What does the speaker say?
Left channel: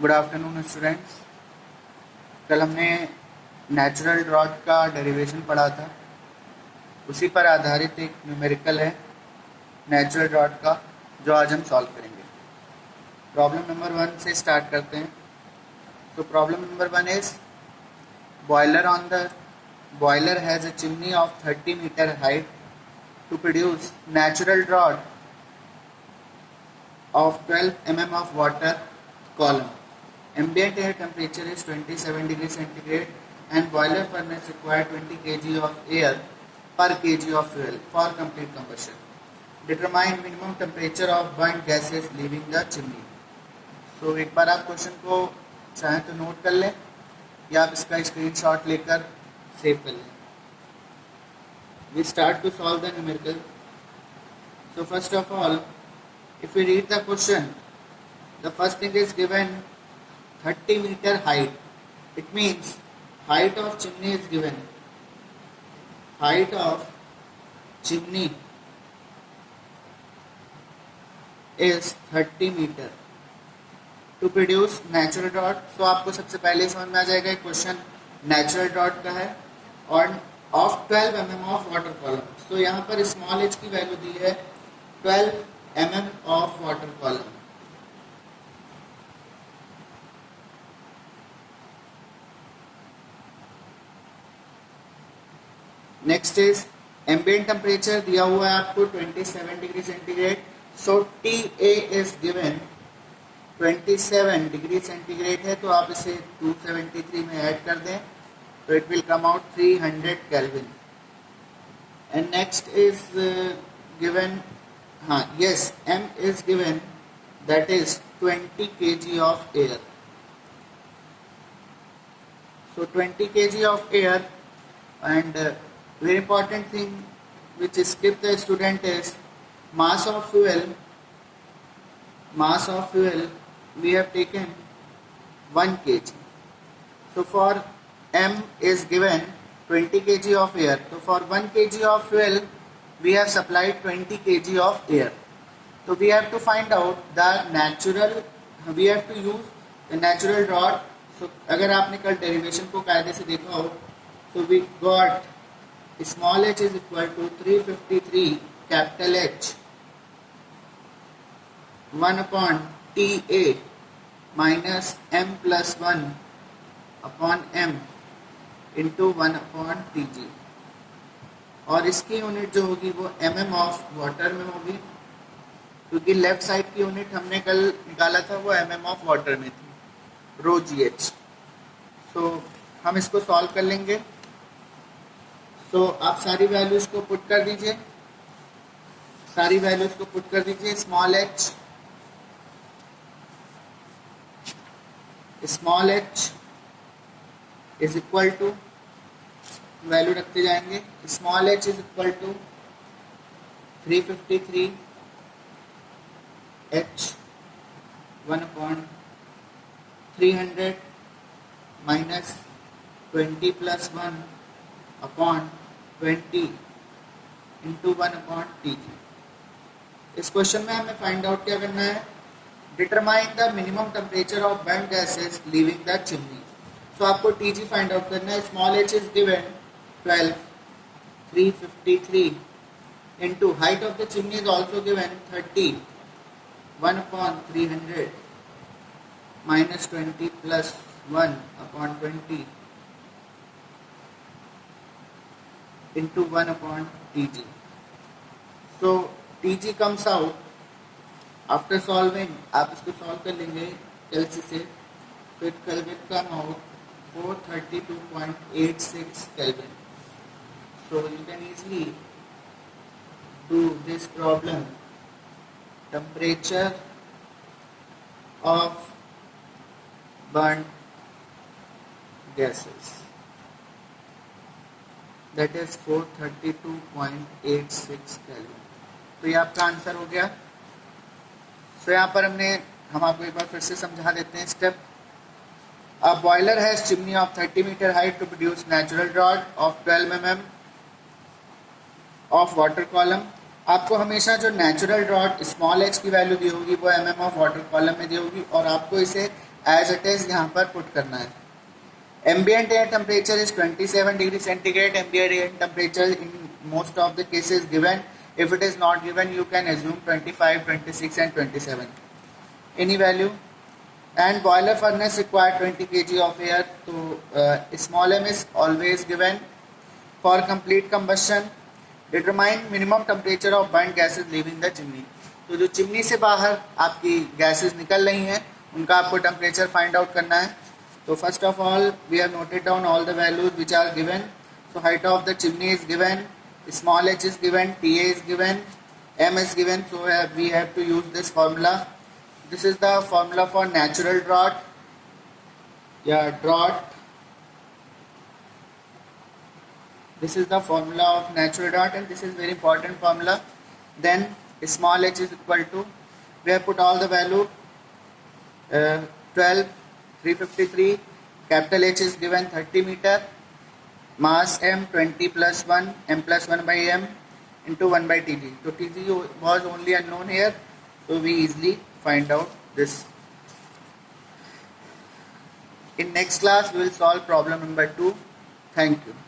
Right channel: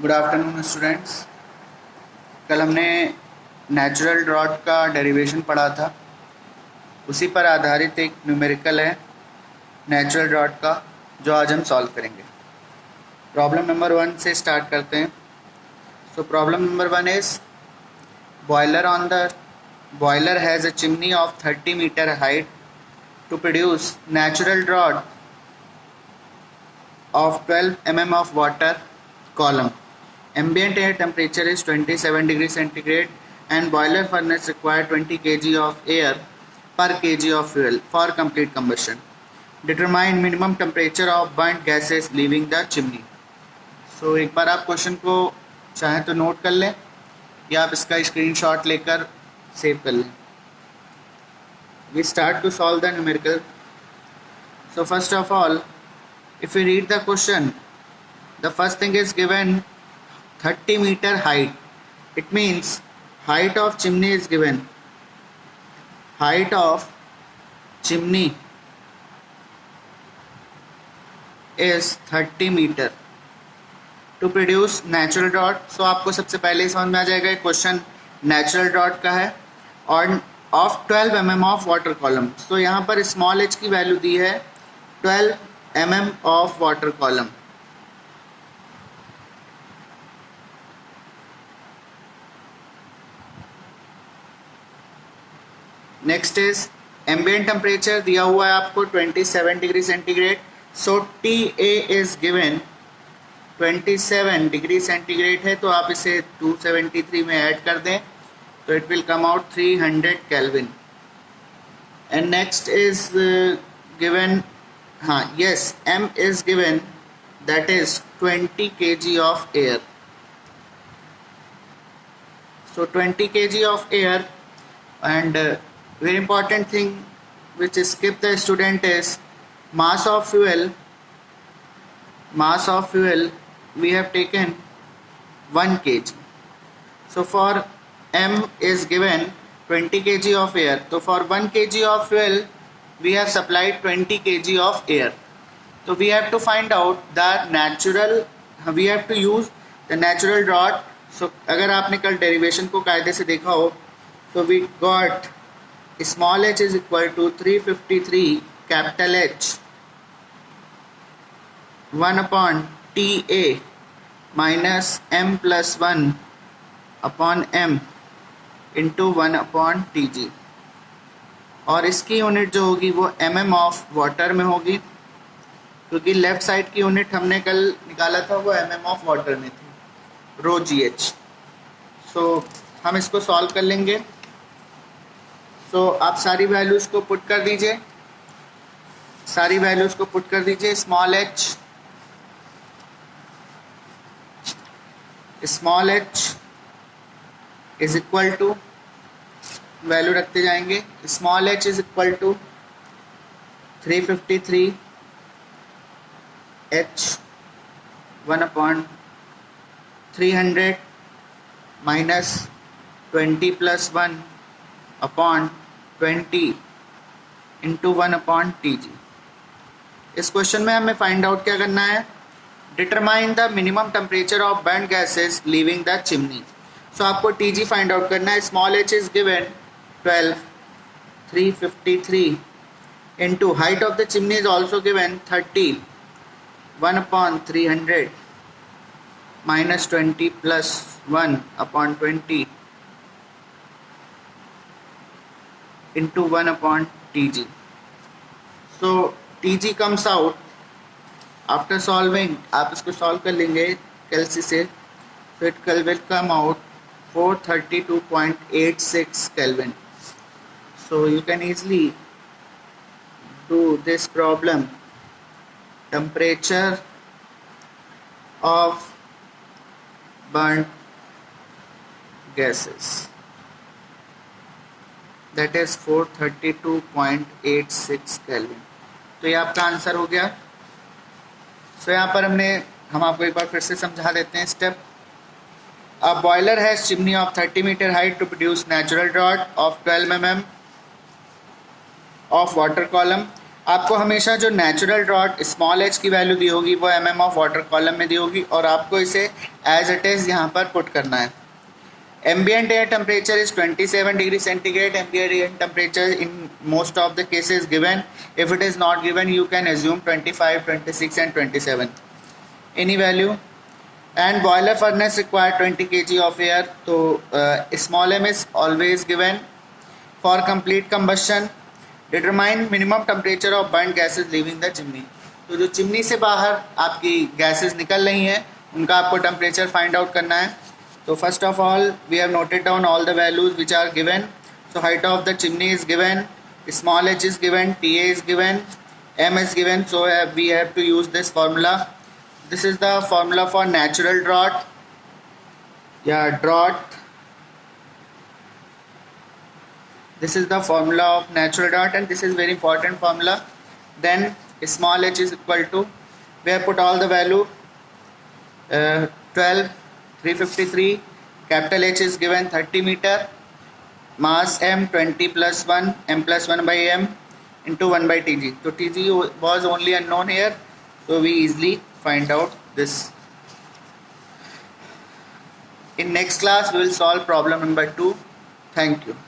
Good afternoon students. कल हमने natural drought का डेरिवेशन पढ़ा था, उसी पर आधारित एक न्यूमेरिकल है नेचुरल ड्रॉट का जो आज हम सॉल्व करेंगे। प्रॉब्लम नंबर 1 से स्टार्ट करते हैं। So problem number 1 is boiler has a chimney of 30 metre height to produce natural draught of 12 mm of water column. Ambient air temperature is 27 degrees centigrade and boiler furnace require 20 kg of air per kg of fuel for complete combustion. Determine minimum temperature of burnt gases leaving the chimney. So एक बार आप question को चाहें तो note कर लें या आप इसका स्क्रीनशॉट लेकर सेव कर लें। We start to solve the numerical. So first of all, if you read the question, the first thing is given 30 meter height. It means height of chimney is given. Height of chimney is 30 meter to produce natural drought. So आपको सबसे पहले समझ में आ जाएगा question natural drought का है और of 12 mm of water column. तो यहाँ पर स्मॉल h की वैल्यू दी है 12 mm of water column. Next is ambient temperature दिया हुआ है आपको 27 degree centigrade. So TA is given 27 degree centigrade है, तो आप इसे 273 में ऐड कर दें तो it will come out 300 kelvin. And next is given yes, M is given, that is 20 kg of air. So 20 kg of air, and very important thing which skip the student is mass of fuel. Mass of fuel we have taken 1 kg. So for M is given 20 kg of air. So for 1 kg of fuel we have supplied 20 kg of air. So we have to find out the natural, we have to use the natural drought. So अगर आपने कल derivation को कायदे से देखा हो, so we got small h is equal to 353 capital H 1 upon TA minus m plus 1 upon m into 1 upon Tg, और इसकी यूनिट जो होगी वो mm ऑफ वाटर में होगी, क्योंकि लेफ्ट साइड की यूनिट हमने कल निकाला था वो mm ऑफ वाटर में थी, रो GH। सो हम इसको सॉल्व कर लेंगे। सो आप सारी वैल्यूज़ को पुट कर दीजिए, सारी वैल्यूज़ को पुट कर दीजिए। Small h is equal to, value रखते जाएंगे, small h is equal to 353 h 1 upon 300 minus 20 plus 1 upon 20 into 1 upon Tg। इस क्वेश्चन में हमें फाइंड आउट क्या करना है, determine the minimum temperature of burned gases leaving the chimney. So आपको Tg find out करना है। Small h is given 12, 353 into height of the chimney is also given 30, 1 upon 300 minus 20 plus 1 upon 20 into 1 upon Tg. So Tg comes out after solving, आप इसको solve कर लेंगे कैलसी से, so it will come out 432.86 Kelvin. So you can easily do this problem. Temperature of burnt gases, that is 432.86 Kelvin. तो ये आपका answer हो गया। तो यहाँ पर हम आपको एक बार फिर से समझा देते हैं step. A boiler has chimney of 30 meter height to produce natural draught of 12 mm of water column. आपको हमेशा जो नेचुरल ड्रॉट स्मॉल h की वैल्यू दी होगी वो mm ऑफ वाटर कॉलम में दी होगी और आपको इसे एज इट इज़ यहाँ पर पुट करना है. Ambient air temperature is 27 degree centigrade. Ambient air temperature in most of the cases given. If it is not given, you can assume 25, 26 and 27. Any value. And boiler furnace require 20 kg of air. So small m is always given. For complete combustion, determine minimum temperature of burnt gases leaving the chimney. तो जो chimney से बाहर आपकी gases निकल रही हैं उनका आपको टेम्परेचर फाइंड आउट करना है. So first of all, we have noted down all the values which are given. So height of the chimney is given, small h is given, Ta is given, m is given. So we have to use this formula. This is the formula for natural draught. Yeah, draught. This is the formula of natural draught, and this is very important formula. Then small h is equal to, we have put all the value, 12. 353. Capital H is given 30 meter. Mass m 20 plus 1 m plus 1 by m into 1 by Tg. So Tg was only unknown here, so we easily find out this. In next class we will solve problem number 2. Thank you.